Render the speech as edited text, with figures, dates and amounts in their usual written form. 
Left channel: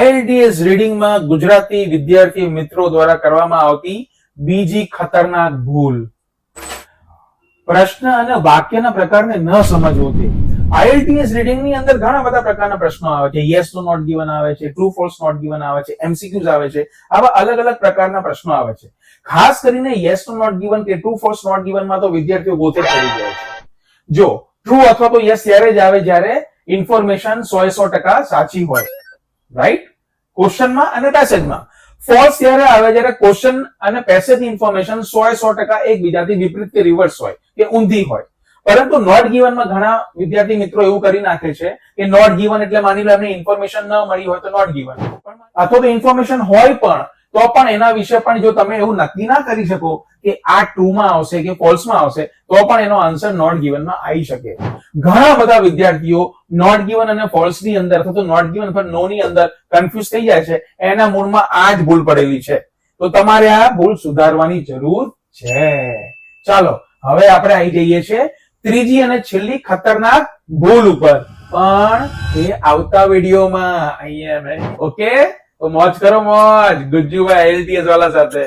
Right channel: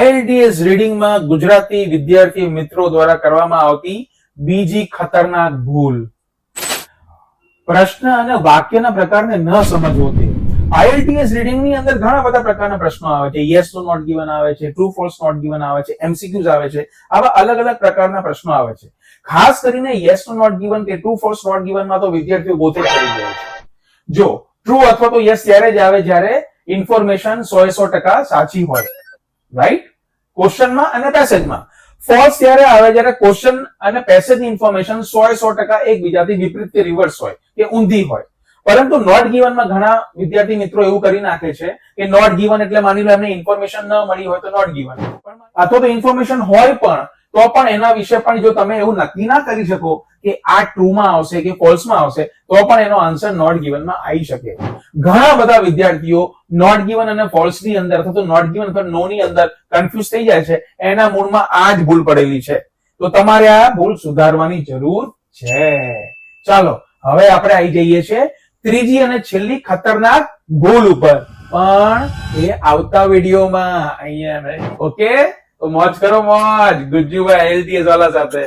IELTS રીડિંગમાં Gujarati વિદ્યાર્થી મિત્રો દ્વારા કરવામાં આવતી બીજી ખતરનાક ભૂલ. પ્રશ્ન અને વાક્યના પ્રકારને ન સમજવો. IELTS રીડિંગની અંદર ઘણા બધા પ્રકારના પ્રશ્નો આવે છે. યસ નો નોટ ગિવન આવે છે, ટ્રુ ફોલ્સ નોટ ગિવન આવે છે, MCQs આવે છે. આવા અલગ અલગ પ્રકારના પ્રશ્નો આવે છે. ખાસ કરીને યસ નો નોટ ગિવન કે ટ્રુ ફોલ્સ નોટ ગિવનમાં તો વિદ્યાર્થીઓ ગોતે ચડી જાય છે. જો ટ્રુ અથવા તો યસ ત્યારે જ આવે જ્યારે ઇન્ફોર્મેશન 100% સાચી હોય, રાઈટ, ક્વેશ્ચનમાં અને પેસેજમાં. ફોલ્સ ત્યારે આવે જ્યારે ક્વેશ્ચન અને પેસેજ ઇન્ફોર્મેશન 100% એકબીજાથી વિપરીત કે રિવર્સ હોય કે ઊંધી હોય. પરંતુ નોટ ગિવનમાં ઘણા વિદ્યાર્થી મિત્રો એવું કરી નાખે છે કે નોટ ગિવન એટલે માની લો એમને ઇન્ફોર્મેશન ન મળી હોય તો નોટ ગિવન, અથવા તો ઇન્ફોર્મેશન હોય પણ તો પણ એના વિશે પણ જો તમે એવું નક્કી ના કરી શકો કે આ ટ્રુ માં આવશે કે ફોલ્સ માં આવશે તો પણ એનો આન્સર નોટ ગિવન માં આવી શકે. ઘણા બધા વિદ્યાર્થીઓ નોટ ગિવન અને ફોલ્સ ની અંદર અથવા તો નોટ ગિવન અથવા નો ની અંદર કન્ફ્યુઝ થઈ જાય છે. એના મૂળમાં આ જ ભૂલ પડેલી છે. તો તમારે આ ભૂલ સુધારવાની જરૂર છે. ચાલો હવે આપણે આવી જઈએ છીએ ત્રીજી અને છેલ્લી ખતરનાક ભૂલ ઉપર, પણ એ આવતા વિડીયોમાં. અહીંયા ઓકે, તો મોજ કરો મોજ ગુજ્જુભાઈ IELTS વાળા સાથે.